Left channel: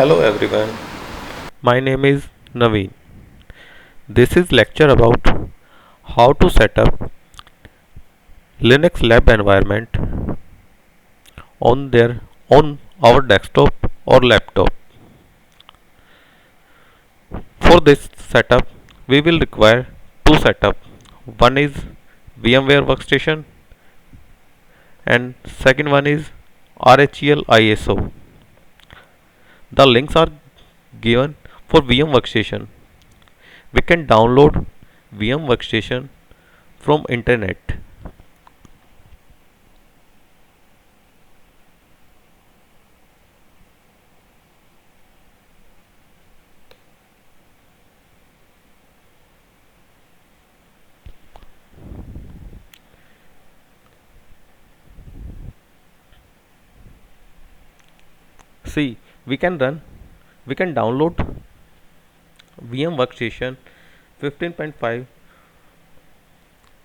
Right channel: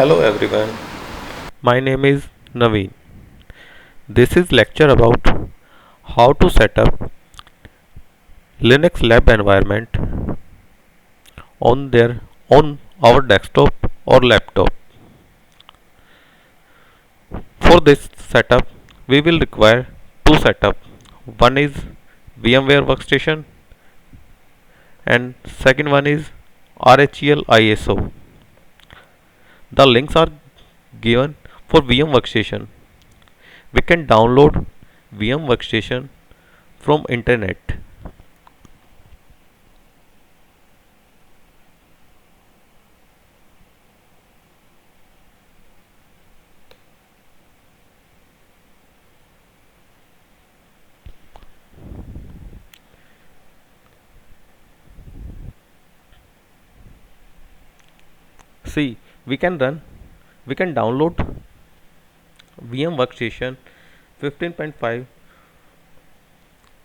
Hello everyone, my name is Naveen. This is lecture about how to set up Linux lab environment on our desktop or laptop. For this setup, we will require two setup. One is VMware workstation and second one is RHEL ISO. The links are given for VM workstation. We can download VM workstation from internet. See, we can run, we can download VM Workstation 15.5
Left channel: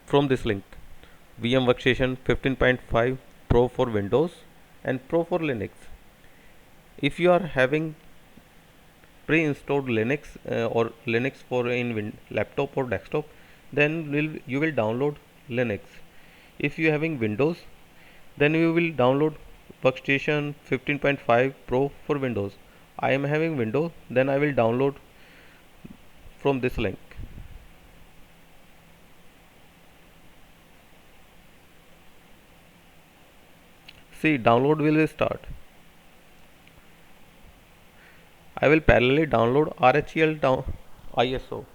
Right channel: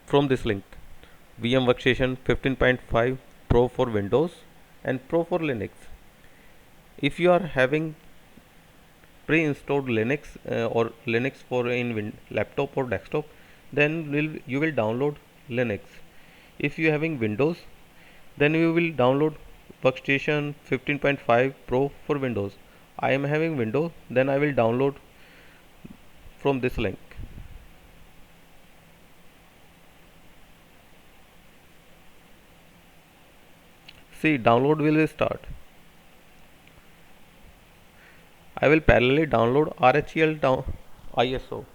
from this link. VM Workstation 15.5 Pro for Windows and Pro for Linux. If you are having pre-installed Linux or Linux for in laptop or desktop, then you will download Linux. If you are having Windows, then you will download Workstation 15.5 Pro for Windows. I am having Windows, then I will download from this link. See, download will start. I will parallelly download RHEL ISO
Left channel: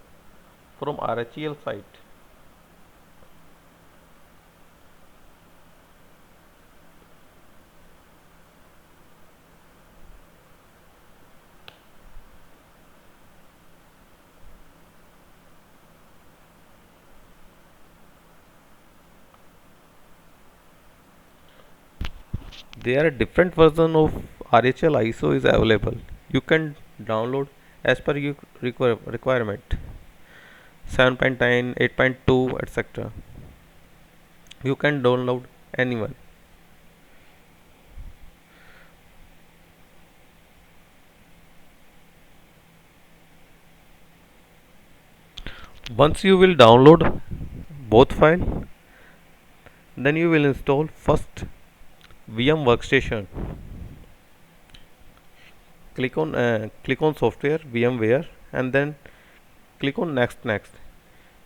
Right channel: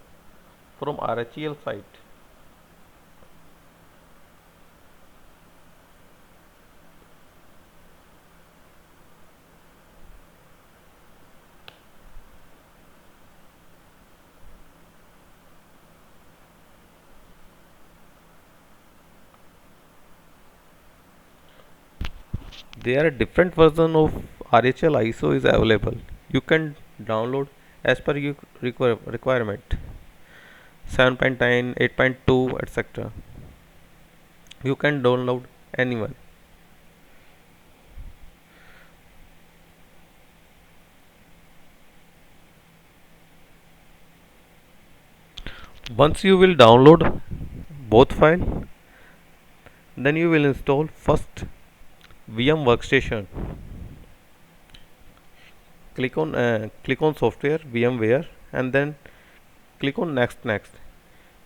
from RHEL site. There are different version of RHEL ISO is available. You can download as per your requirement. 7.9, 8.2, etc. You can download anyone. Once you will download both file, then you will install first VM workstation. Click on software VMware and then click on next.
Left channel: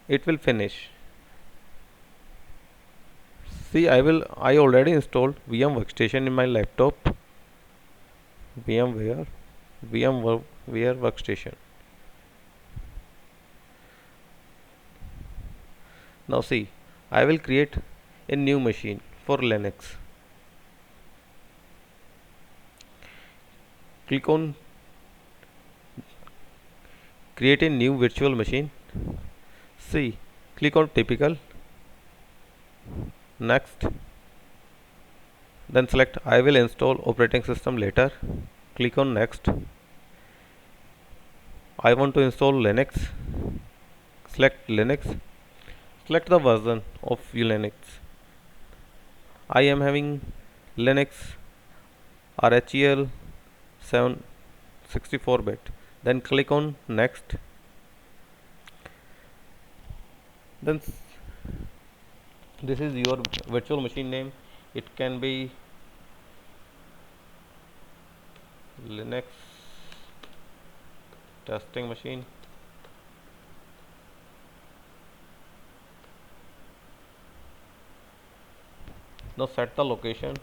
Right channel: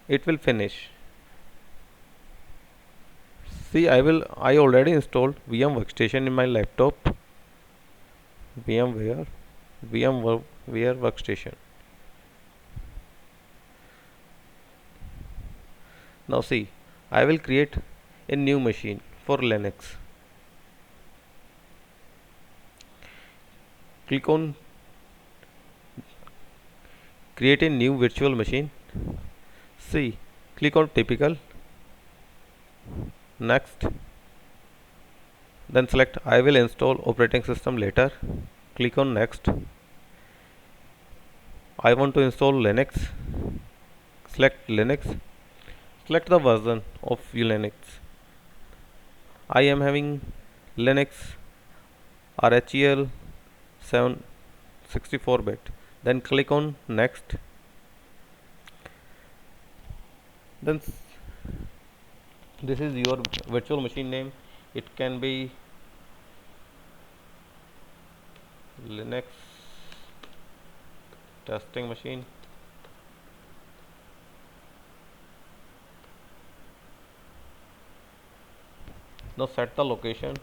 It will finish. See, I already installed VM workstation in my laptop. VMware VMware workstation. Now see, I will create a new machine for Linux. Click on create a new virtual machine. See, click on typical. Next, then select I will install operating system later. Click on next. I want to install Linux. Select Linux. Select the version of your Linux. I am having Linux RHEL 764-bit. Then click on next. Then this is your virtual machine name. It can be Linux testing machine. Now set the location.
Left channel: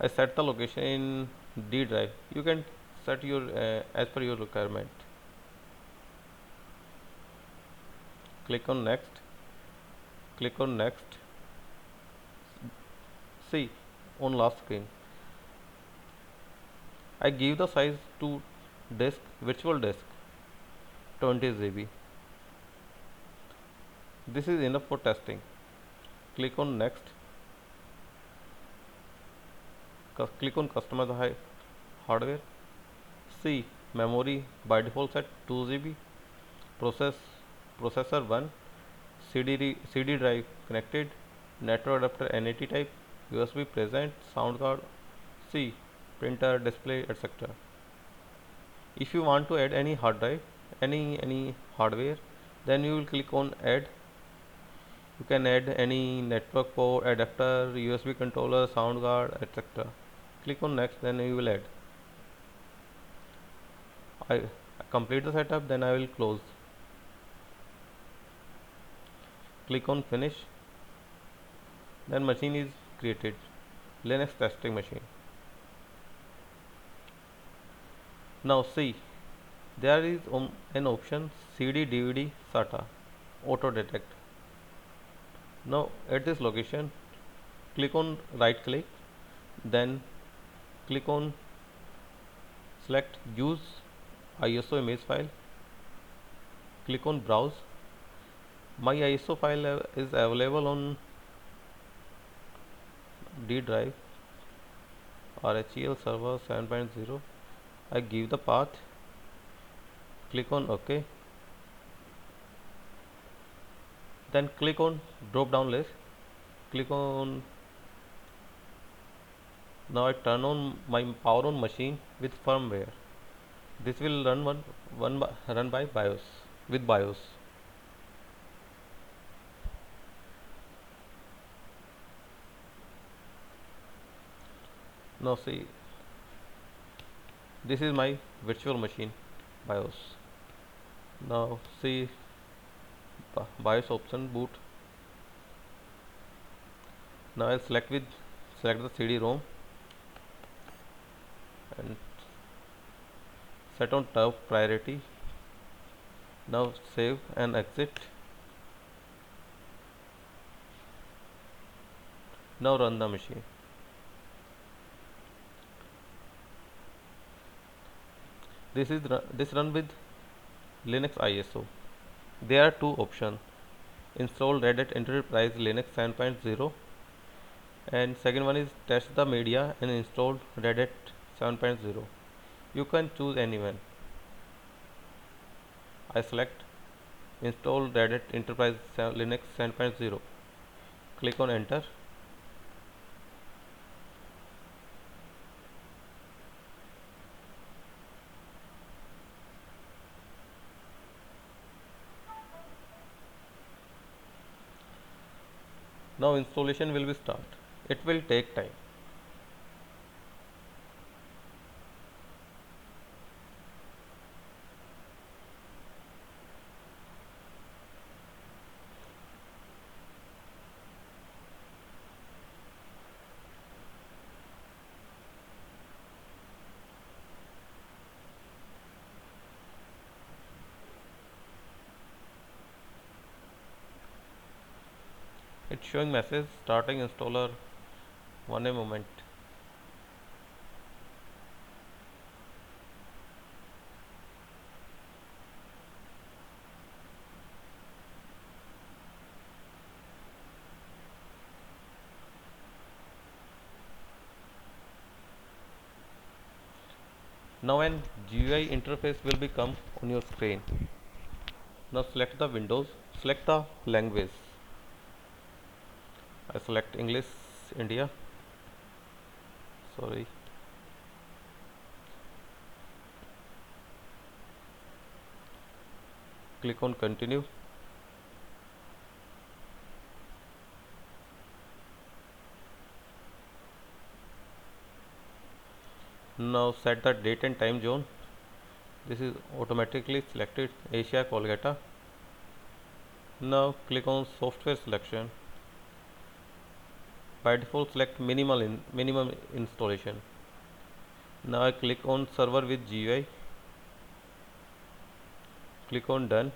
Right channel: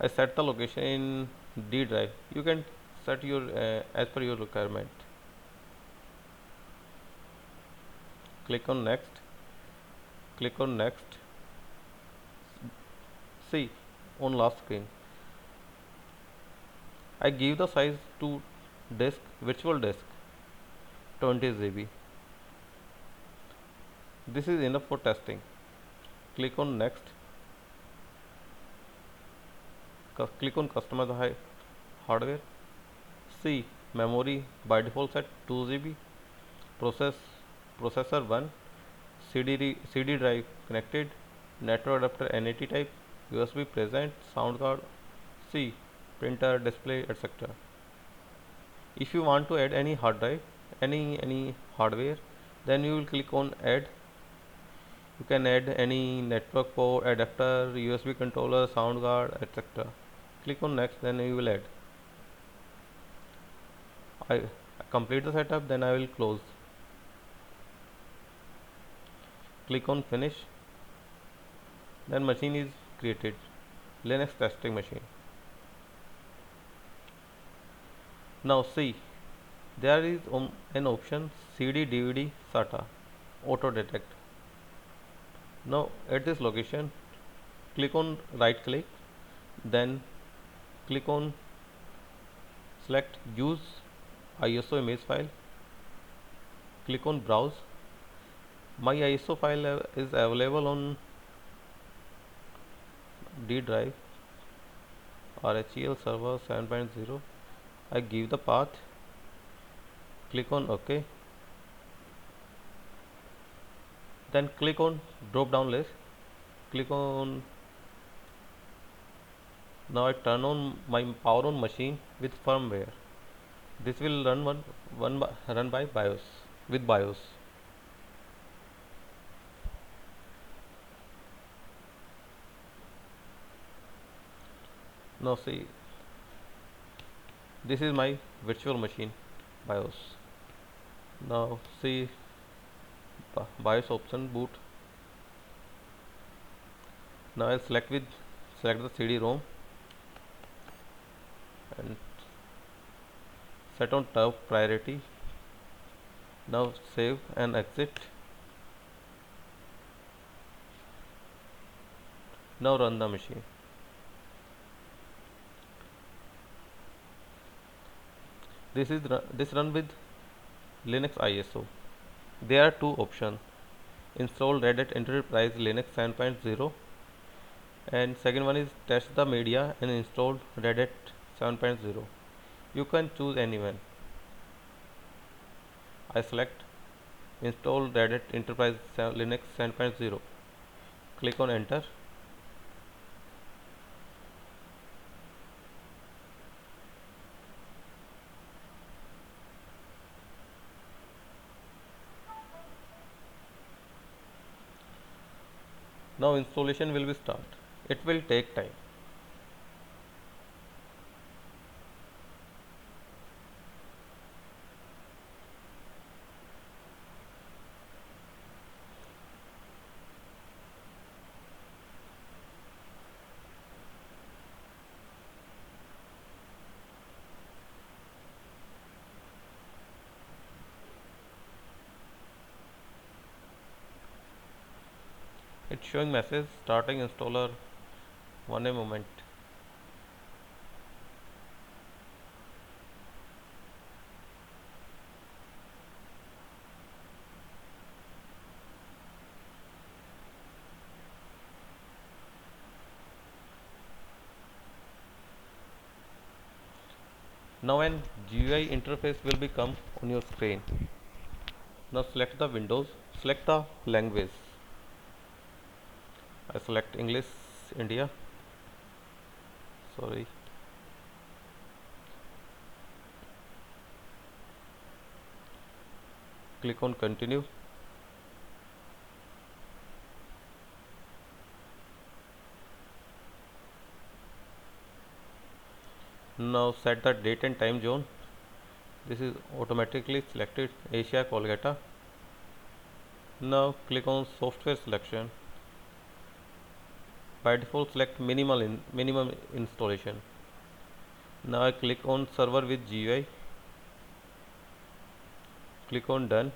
I set the location in D drive. You can set your as per your requirement. Click on next. Click on next. See, on last screen I give the size to disk virtual disk 20 GB. This is enough for testing. Click on next. Click on customize the hardware. C. Memory by default set 2 GB. Process processor 1. CD drive connected. Network adapter NAT type. USB present. Sound card. C. Printer, display, etc. If you want to add any hard drive, any hardware, then you will click on add. You can add any network port, adapter, USB controller, sound card, etc. Click on next, then you will add. I complete the setup, then I will close. Click on finish, then machine is created. Linux testing machine. Now see, there is an option CD DVD SATA auto detect. Now at this location, click on right click, then click on select use ISO image file. Click on browse. My ISO file is available on D drive RHEL server 7.0. I give the path. Click on OK. Then click on drop down list. Click on. Now I turn on my power on machine with firmware. This will run by BIOS with BIOS. Now see, this is my virtual machine BIOS. Now see BIOS option boot. Now I'll select the CD-ROM and set on top priority. Now save and exit. Now run the machine. This run with Linux ISO. There are two options: install Red Hat Enterprise Linux 7.0, and second one is test the media and install Red Hat 7.0. You can choose any one. I select install Red Hat Enterprise Linux 7.0. Click on enter. Now installation will be start. It will take time. It's showing message starting installer. One a moment. Now an GUI interface will become on your screen. Now select the Windows, select the language. I select English India. Sorry. Click on continue. Now set the date and time zone. This is automatically selected Asia Kolkata. Now click on software selection. By default select minimum installation. Now I click on server with GUI. Click on done.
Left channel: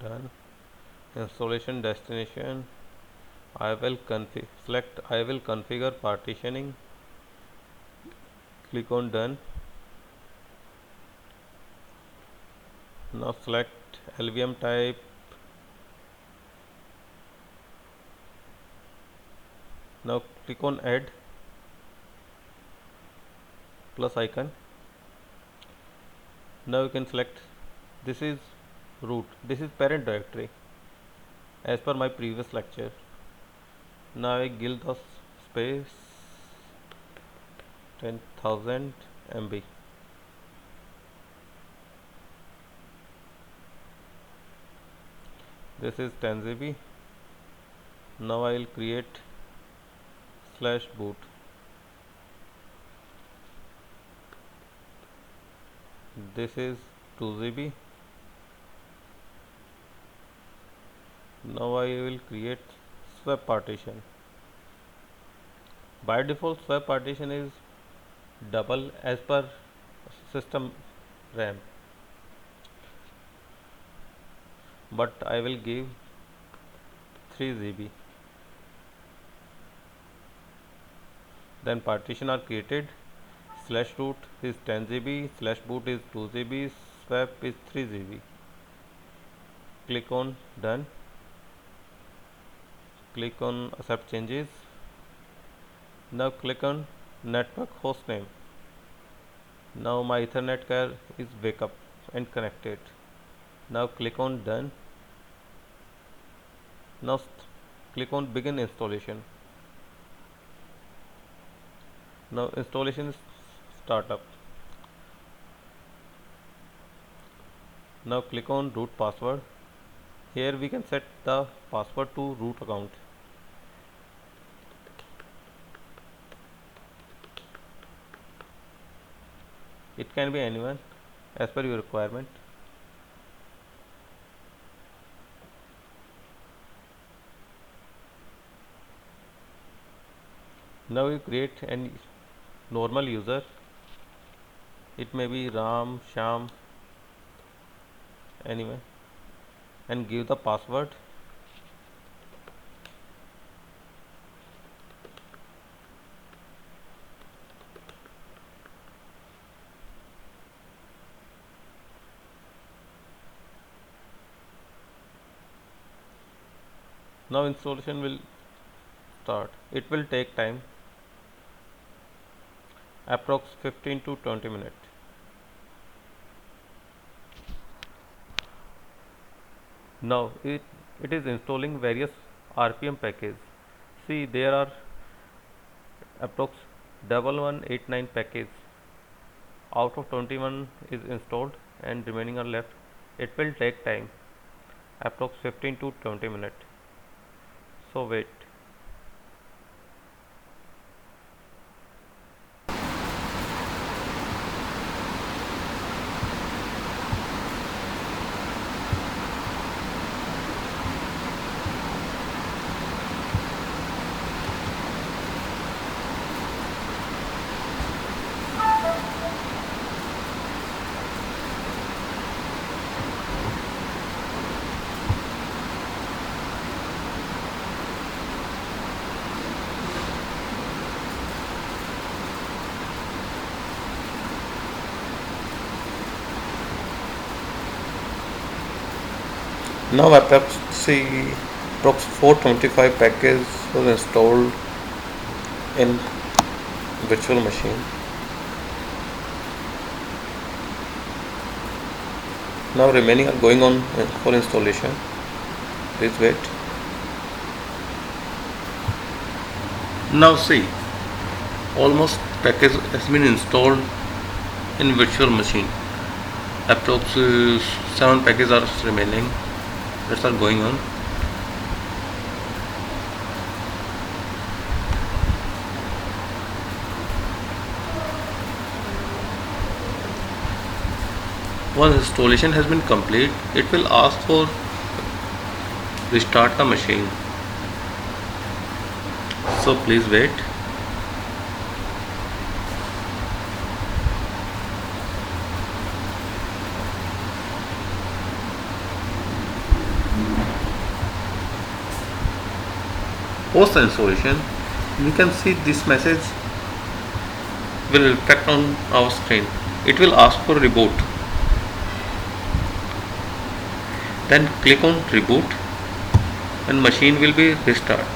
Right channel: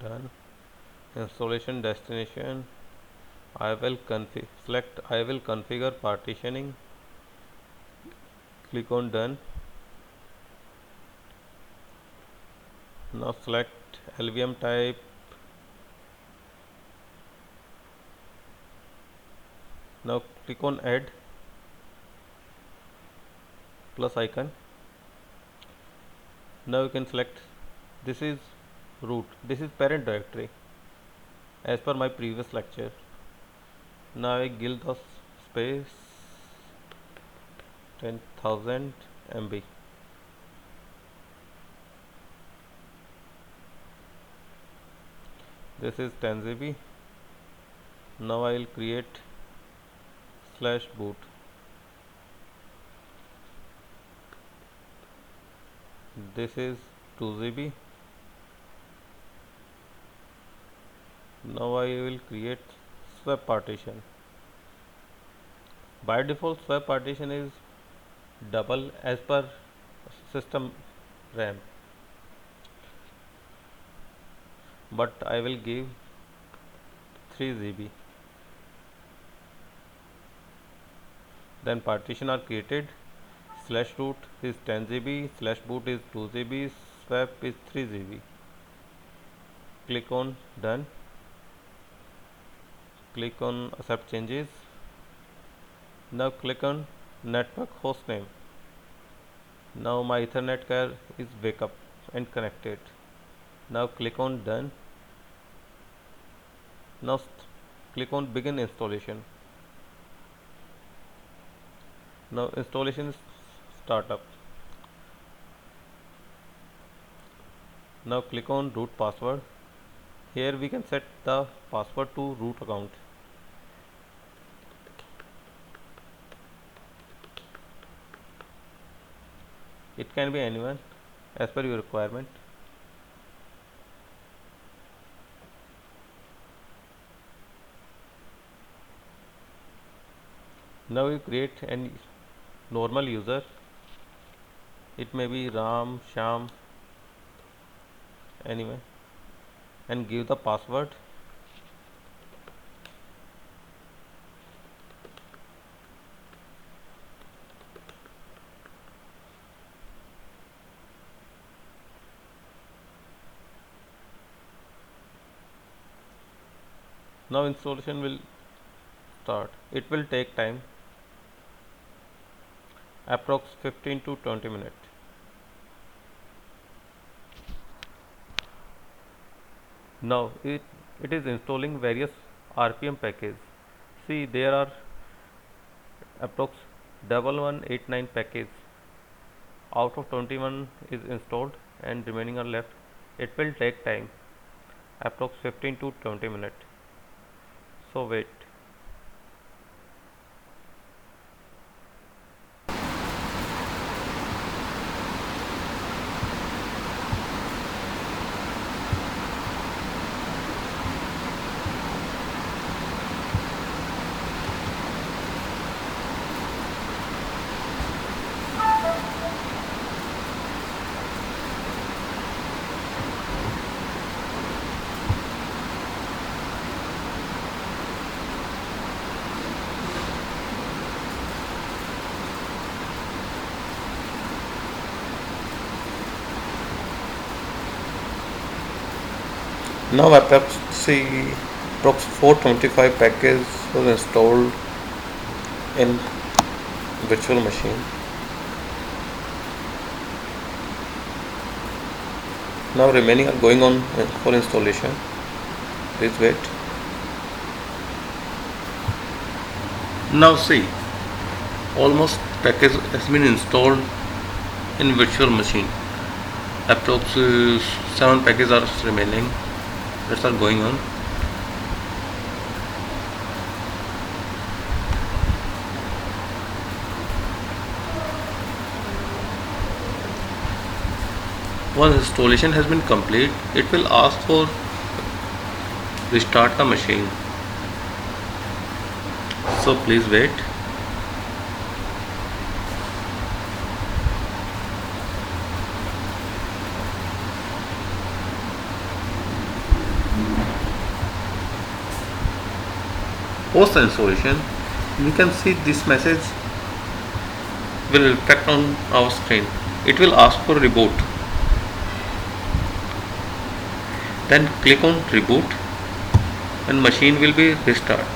Done. Installation destination. I will configure partitioning. click on done. Now select LVM type. Now click on add plus icon. Now you can select, this is root, this is parent directory as per my previous lecture. Now I give the space 10,000 MB. This is 10 GB. Now I will create slash boot. This is 2 GB. Now I will create swap partition. By default swap partition is double as per system RAM, but I will give 3 GB. Then partition are created. Slash root is 10 GB, slash boot is 2 GB, swap is 3 GB. Click on done. Click on accept changes. Now click on network hostname. Now my Ethernet card is wake up and connected. Now click on done. Now click on begin installation. Now installation is startup. Now click on root password. Here we can set the password to root account. It can be anyone as per your requirement. Now you create any normal user. It may be Ram, Sham, anyone, and give the password. Now installation will start. It will take time, approx 15 to 20 minutes. Now it is installing various RPM package. See, there are approx 1189 package. Out of 21 is installed and remaining are left. It will take time, approx 15 to 20 minutes. So wait. Now approx 425 package was installed in virtual machine. Now remaining are going on for installation. Please wait. Now see, almost package has been installed in virtual machine. Approx 7 packages are remaining. That's are going on. Once installation has been complete, it will ask for restart the machine. So please wait. Post the installation, you can see this message: will reflect on our screen. It will ask for reboot. Then click on reboot and machine will be restart.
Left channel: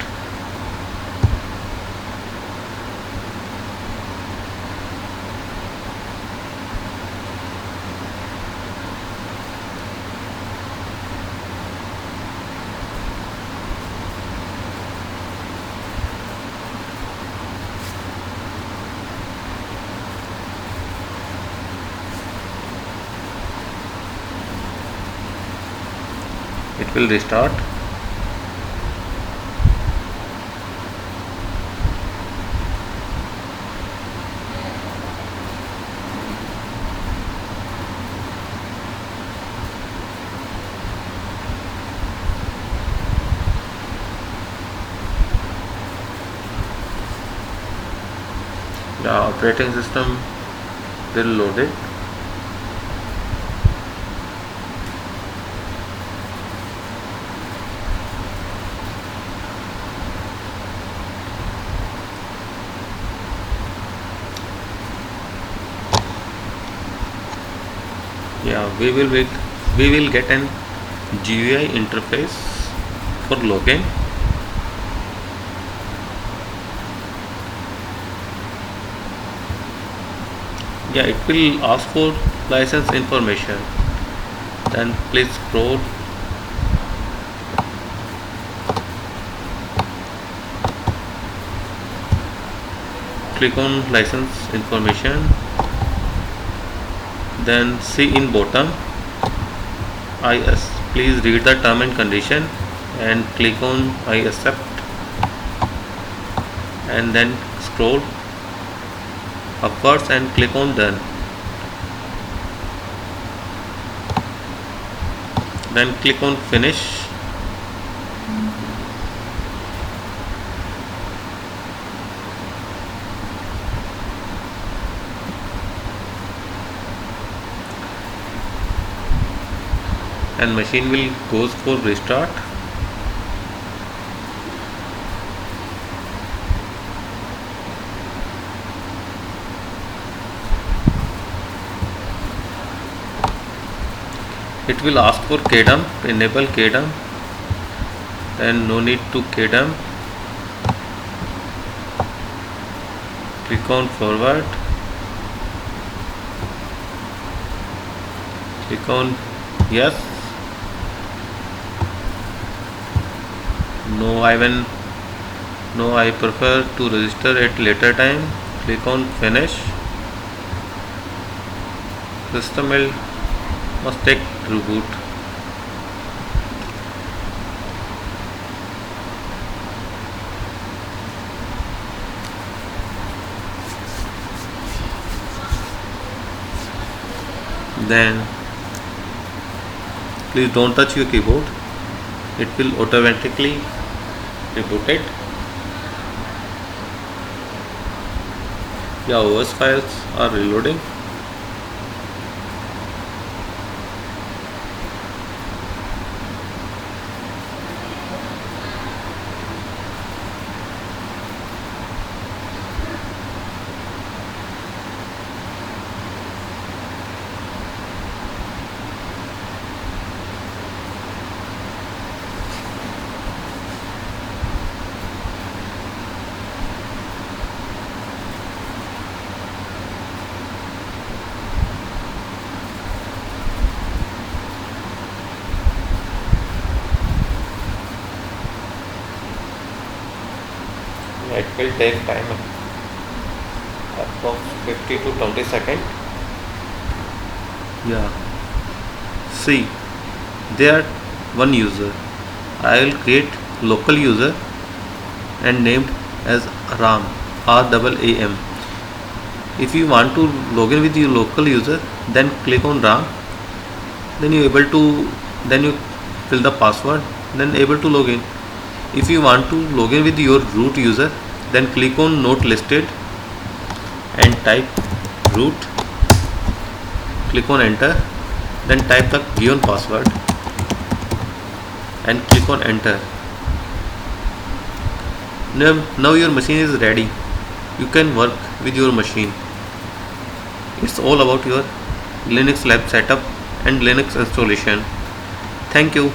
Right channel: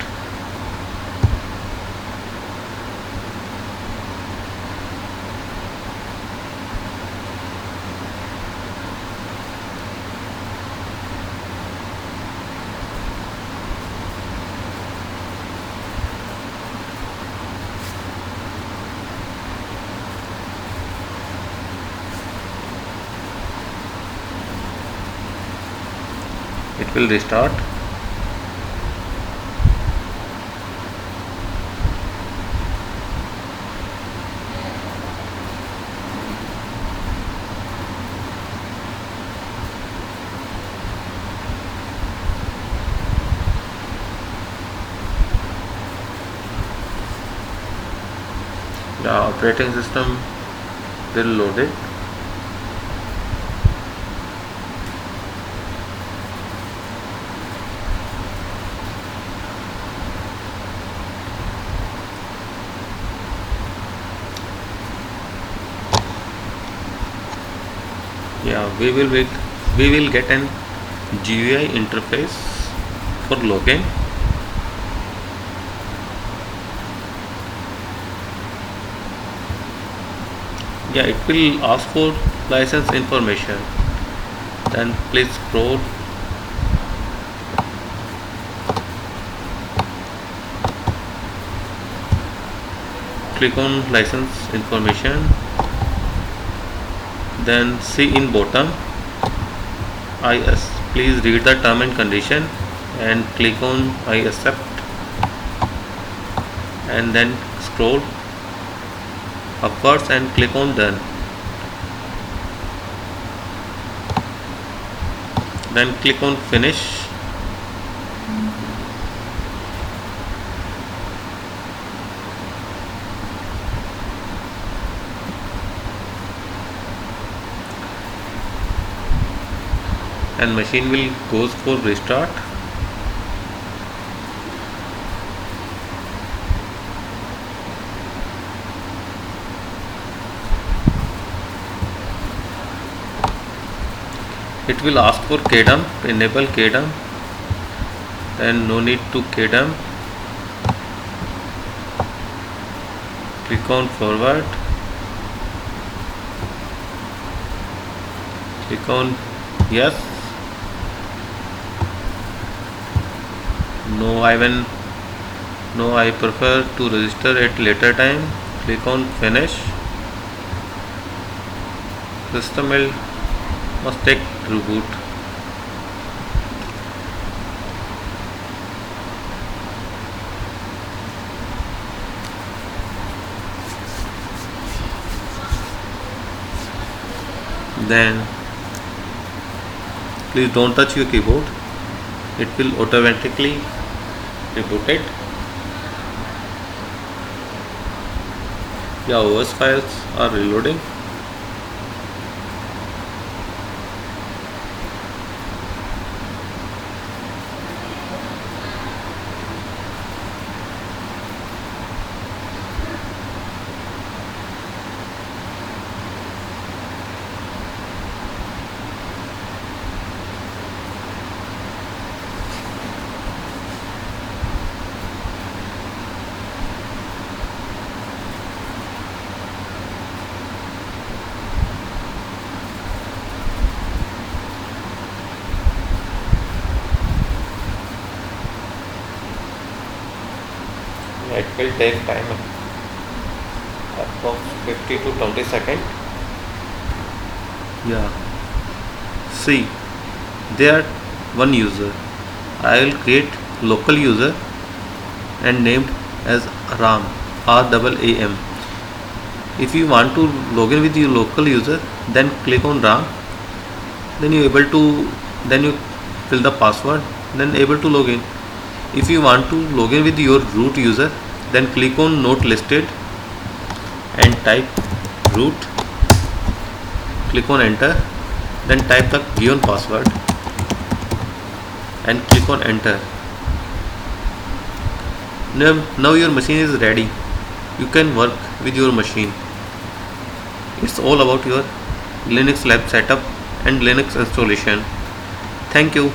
It will restart. The operating system will load it. We will get an GUI interface for login. It will ask for license information. Then please scroll. Click on license information. Then see in bottom please read the term and condition and click on I accept, and then scroll upwards and click on done. Then click on finish. And machine will goes for restart. It will ask for kdump, enable kdump, and no need to kdump. Click on forward. Click on yes. No, I prefer to register at later time. Click on finish. System must take reboot. Then please don't touch your keyboard. It will automatically reboot it. OS files are reloading. It will take time, approx 50 to 20 seconds. See, there one user. I will create local user and named as RAM, RAM. If you want to log in with your local user, then click on RAM. Then you fill the password, then able to log in. If you want to log in with your root user, then click on not listed and type root. Click on enter, then type the given password and click on enter. Now your machine is ready. You can work with your machine. It's all about your Linux lab setup and Linux installation. Thank you.